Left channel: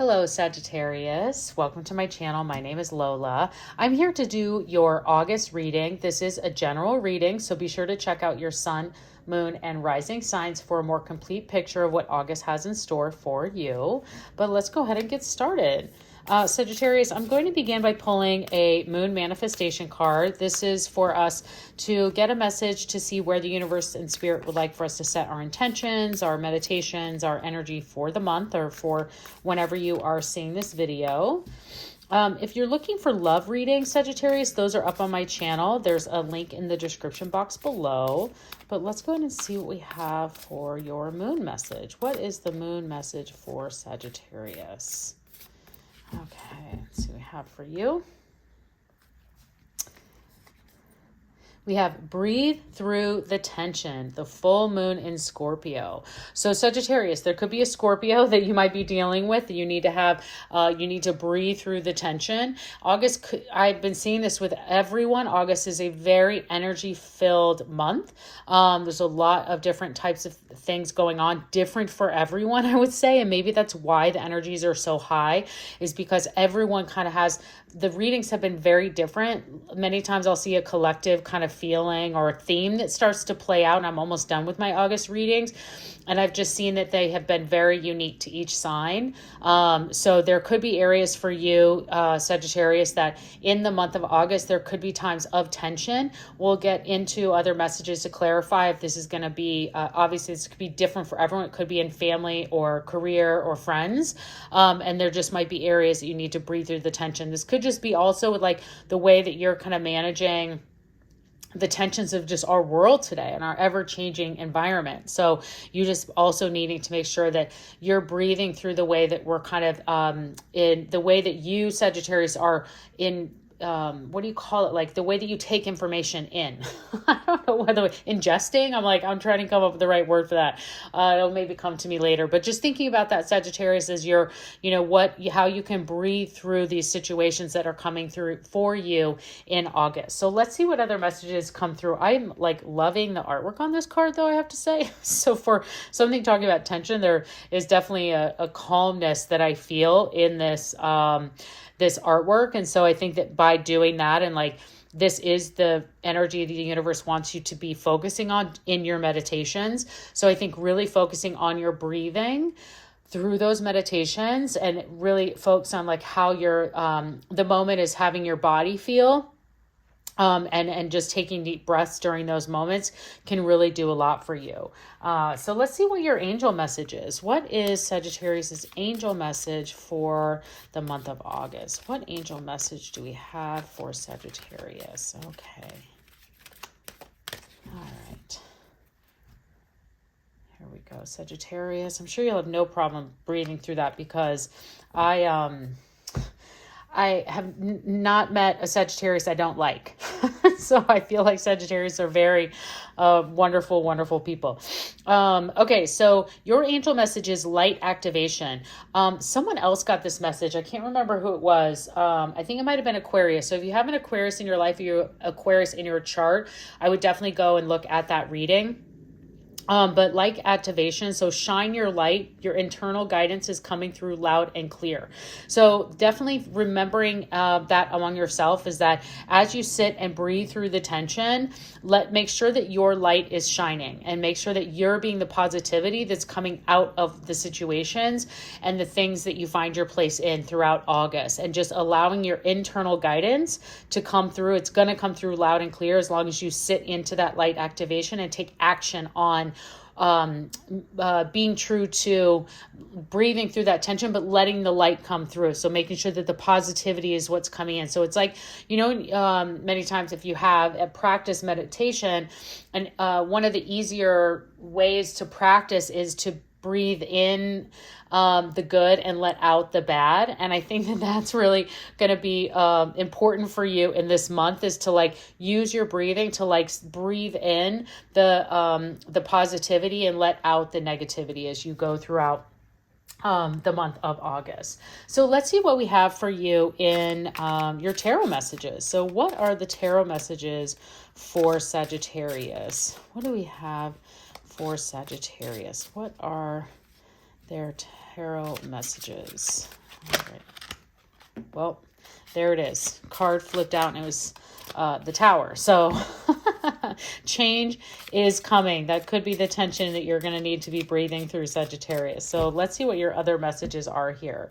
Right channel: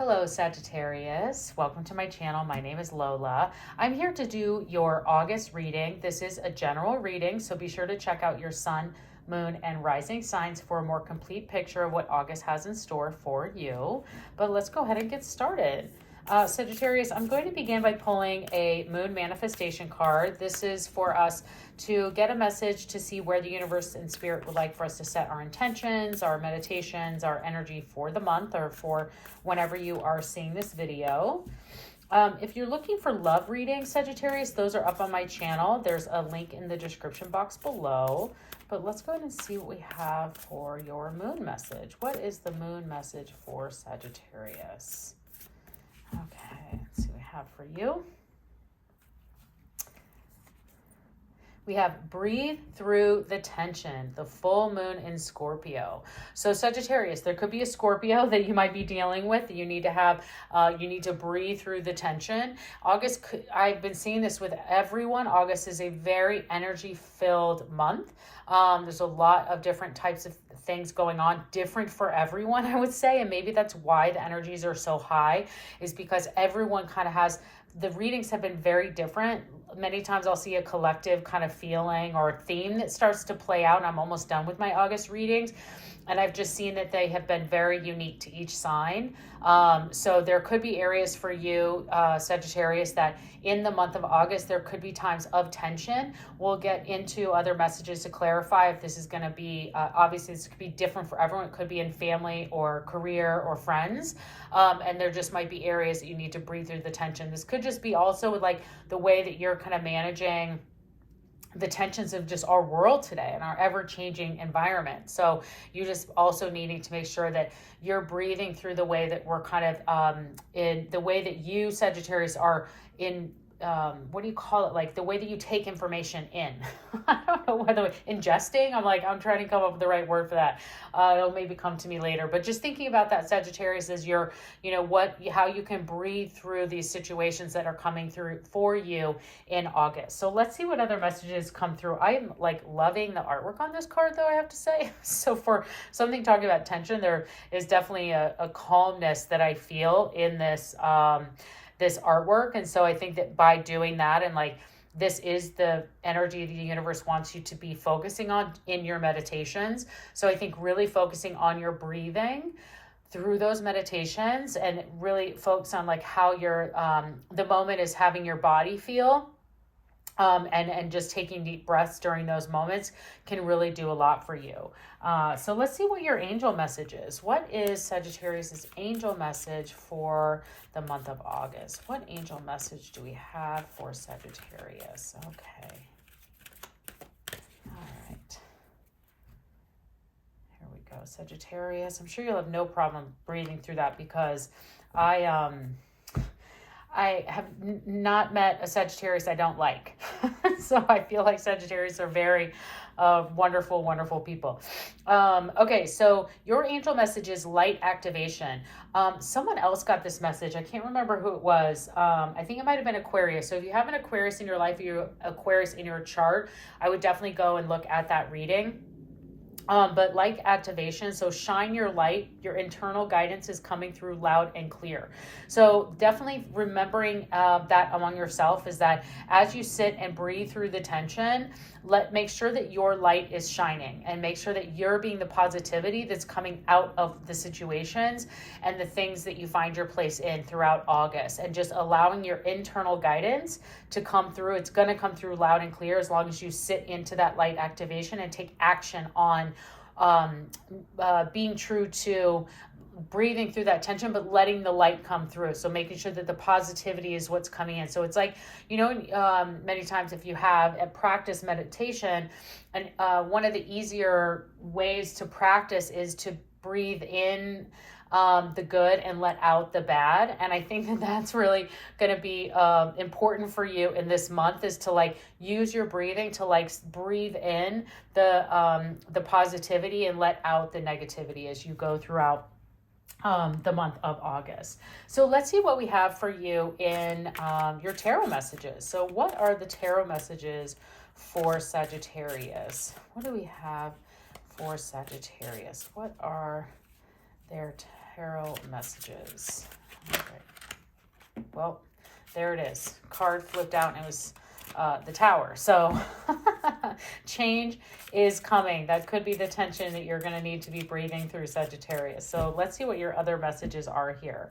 Hello, Sagittarius. Welcome to my channel. My name is Lola. I'm here to do your August reading. This is a general reading, so be sure to check out your sun, moon, and rising signs for a more complete picture of what August has in store for you. But let's go ahead and get started. Sagittarius, I'm going to begin by pulling a moon manifestation card. This is for us to get a message to see where the universe and spirit would like for us to set our intentions, our meditations, our energy for the month or for whenever you are seeing this video. If you're looking for love readings, Sagittarius, those are up on my channel. There's a link in the description box below. But let's go ahead and see what we have for your moon message. What is the moon message for Sagittarius? Okay, let's see what we have for you. We have breathe through the tension, the full moon in Scorpio. So Sagittarius, there could be a Scorpio that you might be dealing with that you need to have, you need to breathe through the tension. August, I've been seeing this with everyone. August is a very energy-filled month. There's a lot of different types of things going on, different for everyone, I would say. And maybe that's why the energies are so high, is because everyone kind of has, the readings have been very different. Many times I'll see a collective kind of feeling or a theme that starts to play out, and I'm almost done with my August readings. And I've just seen that they have been very unique to each sign. So there could be areas for you, Sagittarius, that in the month of August, there could be times of tension. We'll get into other messages to clarify if this is going to be, obviously this could be different for everyone. It could be in family or career or friends. And there just might be areas that you need to breathe through the tension. This could just be also with like the way that you're kind of managing the tensions of just our world today and our ever-changing environment. So you just also needing to make sure that you're breathing through the way that we're kind of in the way that you, Sagittarius, are in what do you call it? Like the way that you take information in. I don't know whether ingesting, I'm trying to come up with the right word for that. It'll maybe come to me later, but just thinking about that, Sagittarius, as you're, how you can breathe through these situations that are coming through for you in August. So let's see what other messages come through. I'm like loving the artwork on this card though, I have to say. So for something talking about tension, there is definitely a calmness that I feel in this, this artwork. And so I think that by doing that, and like this is the energy the universe wants you to be focusing on in your meditations. So I think really focusing on your breathing through those meditations and really focus on like how your the moment is having your body feel. And just taking deep breaths during those moments can really do a lot for you. So let's see what your angel message is. What is Sagittarius's angel message for the month of August? What angel message do we have for Sagittarius? Okay. All right. Here we go, Sagittarius. I'm sure you'll have no problem breathing through that because I have not met a Sagittarius I don't like. So I feel like Sagittarius are very wonderful, wonderful people. Okay, so your angel message is light activation. Someone else got this message. I can't remember who it was. I think it might have been Aquarius. So if you have an Aquarius in your life, or you Aquarius in your chart, I would definitely go and look at that reading. But like activation, so shine your light, your internal guidance is coming through loud and clear. So definitely remembering that among yourself is that as you sit and breathe through the tension, make sure that your light is shining and make sure that you're being the positivity that's coming out of the situations and the things that you find your place in throughout August, and just allowing your internal guidance to come through. It's going to come through loud and clear as long as you sit into that light activation and take action on being true to breathing through that tension, but letting the light come through. So making sure that the positivity is what's coming in. So it's like, many times if you have a practice meditation, and one of the easier ways to practice is to breathe in the good and let out the bad. And I think that that's really going to be important for you in this month, is to like use your breathing to like breathe in the positivity and let out the negativity as you go throughout the month of August. So let's see what we have for you in your tarot messages. So what are the tarot messages for Sagittarius? What do we have for Sagittarius? What are their tarot messages? Well, there it is. Card flipped out and it was the Tower. So change is coming. That could be the tension that you're going to need to be breathing through, Sagittarius. So let's see what your other messages are here.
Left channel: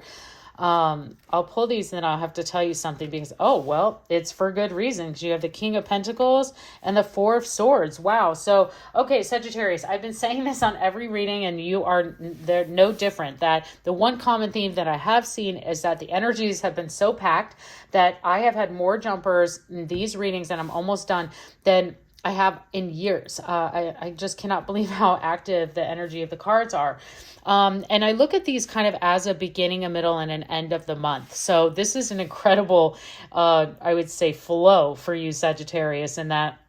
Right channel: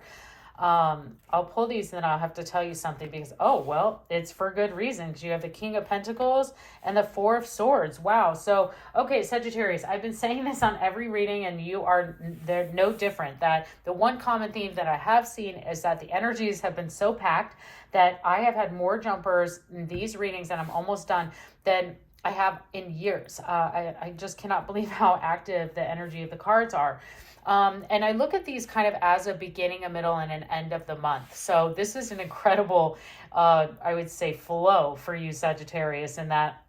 I'll pull these and then I'll have to tell you something because, oh, well, it's for good reason because you have the King of Pentacles and the Four of Swords. Wow. So, okay, Sagittarius, I've been saying this on every reading and you are, they're no different. That the one common theme that I have seen is that the energies have been so packed that I have had more jumpers in these readings and I'm almost done than I have in years. I just cannot believe how active the energy of the cards are. And I look at these kind of as a beginning, a middle, and an end of the month. So this is an incredible, I would say, flow for you, Sagittarius, in that,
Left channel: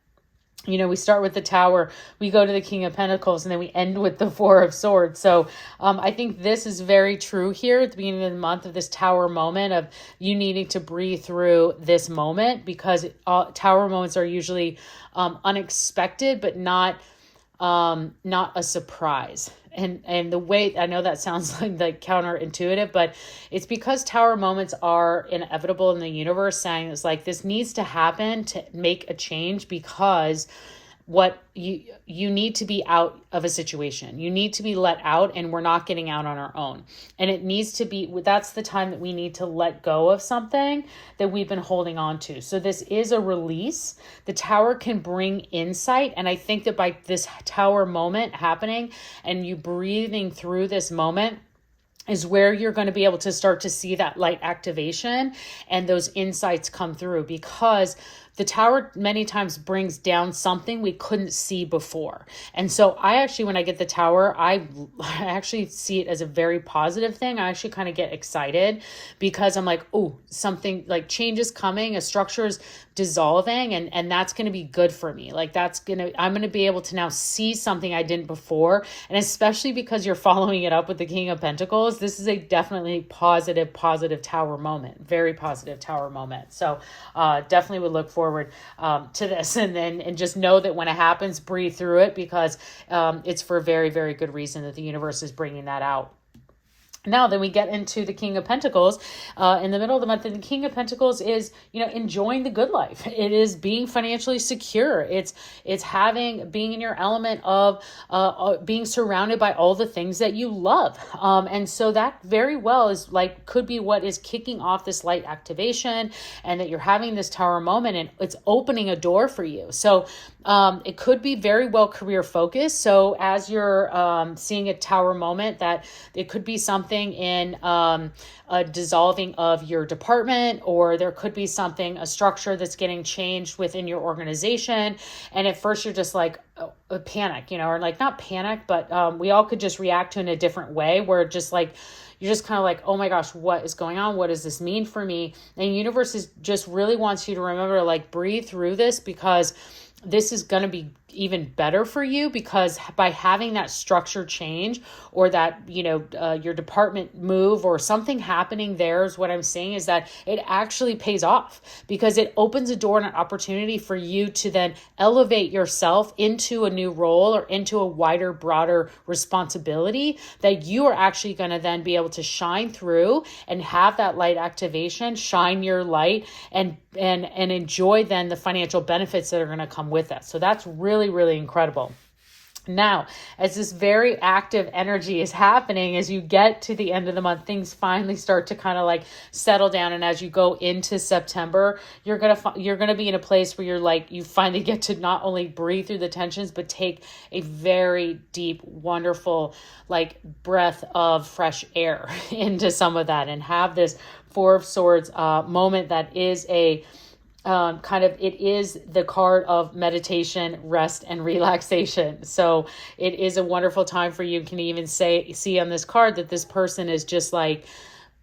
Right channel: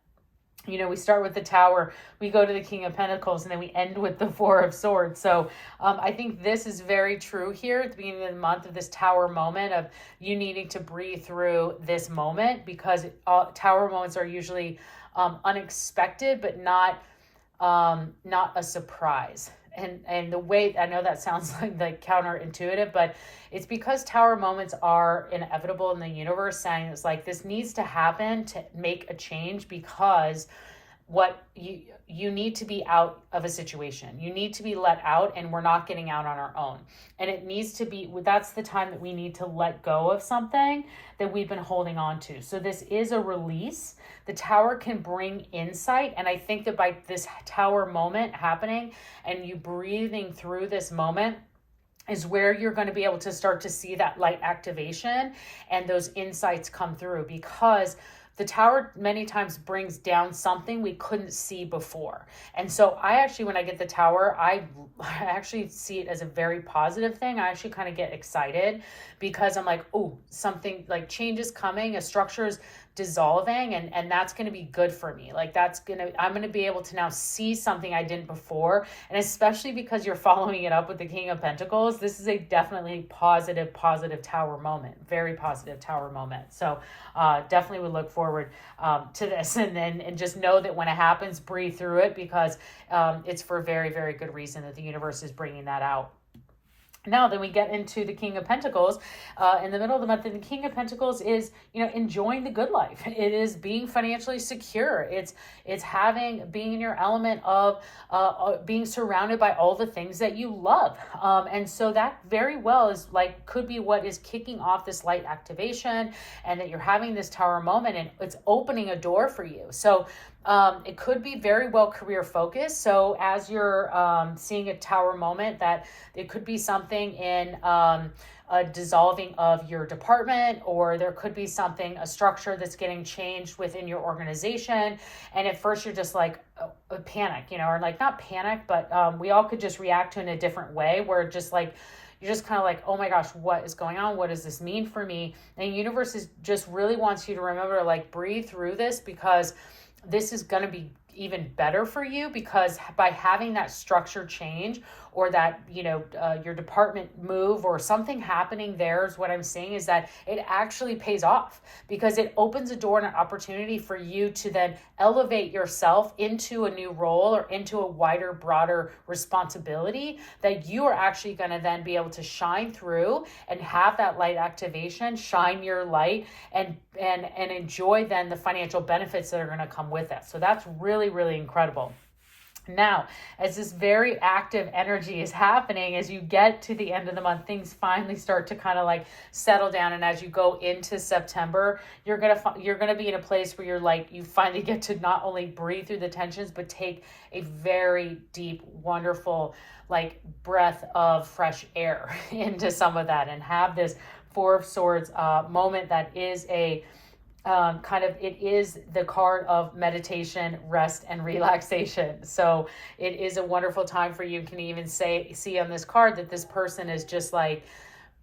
you know, we start with the Tower, we go to the King of Pentacles, and then we end with the Four of Swords. So I think this is very true here at the beginning of the month, of this Tower moment of you needing to breathe through this moment, because Tower moments are usually unexpected, but not a surprise. And the way, I know that sounds like counterintuitive, but it's because Tower moments are inevitable in the universe, saying it's like this needs to happen to make a change, because what you need to be out of a situation. You need to be let out, and we're not getting out on our own. And it needs to be, that's the time that we need to let go of something that we've been holding on to. So this is a release. The Tower can bring insight. And I think that by this Tower moment happening and you breathing through this moment is where you're going to be able to start to see that light activation and those insights come through, because the Tower many times brings down something we couldn't see before. And so I actually, when I get the Tower, I actually see it as a very positive thing. I actually kind of get excited because I'm like, oh, something like change is coming, a structure is dissolving, and that's going to be good for me. Like I'm going to be able to now see something I didn't before. And especially because you're following it up with the King of Pentacles, this is a definitely positive Tower moment, very positive Tower moment. So definitely would look forward to this, and just know that when it happens, breathe through it, because it's for a very, very good reason that the universe is bringing that out. Now, then we get into the King of Pentacles in the middle of the month. And the King of Pentacles is, you know, enjoying the good life. It is being financially secure. It's being in your element of being surrounded by all the things that you love. And so that very well is like, could be what is kicking off this light activation, and that you're having this Tower moment and it's opening a door for you. So it could be very well career focused. So as you're seeing a Tower moment, that it could be something in a dissolving of your department, or there could be a structure that's getting changed within your organization. And at first you're just like a panic, you know, or like not panic, but we all could just react to it in a different way, where just like, you're just kind of like, oh my gosh, what is going on? What does this mean for me? And the universe just really wants you to remember, like, breathe through this, because this is going to be even better for you, because by having that structure change, or that, you know, your department move or something happening there, is what I'm saying, is that it actually pays off, because it opens a door and an opportunity for you to then elevate yourself into a new role or into a wider, broader responsibility that you are actually going to then be able to shine through and have that light activation, shine your light, and enjoy then the financial benefits that are going to come with it. So that's really, really incredible. Now, as this very active energy is happening, as you get to the end of the month, things finally start to kind of like settle down. And as you go into September, you're gonna be in a place where you're like, you finally get to not only breathe through the tensions, but take a very deep, wonderful, like, breath of fresh air into some of that, and have this Four of Swords moment that is a it is the card of meditation, rest, and relaxation. So it is a wonderful time for you. You can even see on this card that this person is just like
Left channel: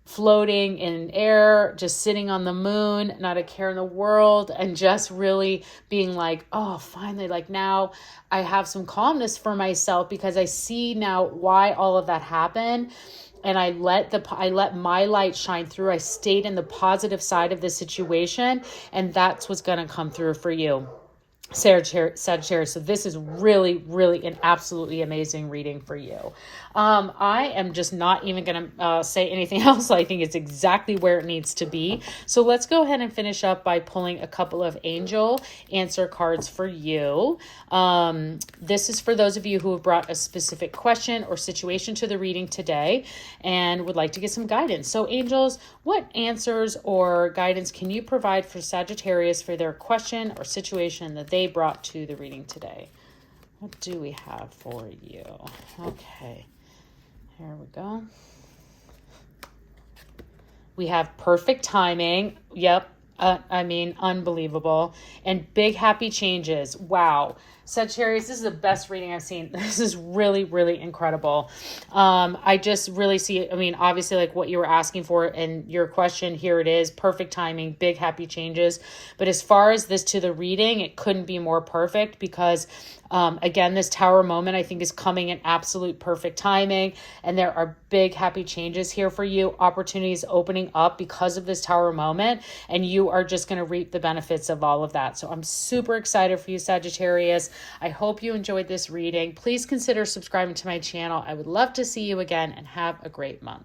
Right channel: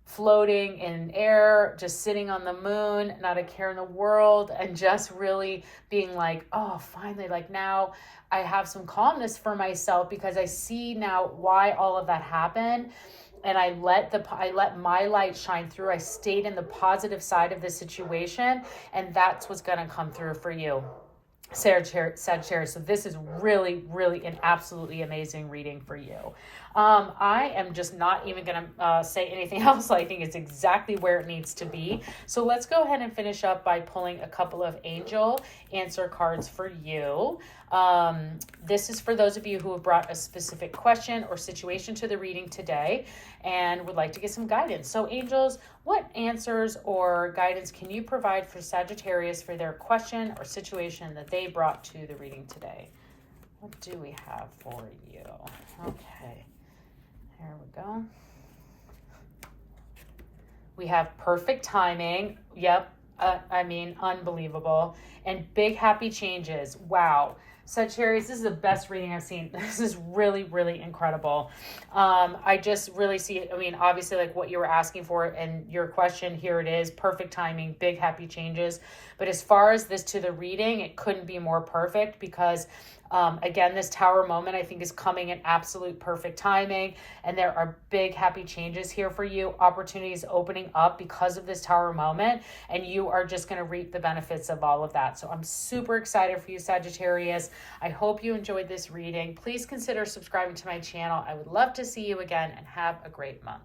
floating in air, just sitting on the moon, not a care in the world, and just really being like, oh, finally, like, now I have some calmness for myself, because I see now why all of that happened. And I let my light shine through. I stayed in the positive side of the situation, and that's what's going to come through for you. Sagittarius. So this is really, really an absolutely amazing reading for you. I am just not even going to say anything else. I think it's exactly where it needs to be. So let's go ahead and finish up by pulling a couple of angel answer cards for you. This is for those of you who have brought a specific question or situation to the reading today and would like to get some guidance. So angels, what answers or guidance can you provide for Sagittarius for their question or situation that they brought to the reading today? What do we have for you? Okay, here we go. We have perfect timing. Yep. I mean, unbelievable. And big happy changes. Wow. Sagittarius, this is the best reading I've seen. This is really, really incredible. I just really see, I mean, obviously like what you were asking for and your question, here it is, perfect timing, big happy changes. But as far as this to the reading, it couldn't be more perfect because again, this tower moment I think is coming in absolute perfect timing, and there are big happy changes here for you, opportunities opening up because of this tower moment, and you are just going to reap the benefits of all of that. So I'm super excited for you, Sagittarius. I hope you enjoyed this reading. Please consider subscribing to my channel. I would love to see you again, and have a great month.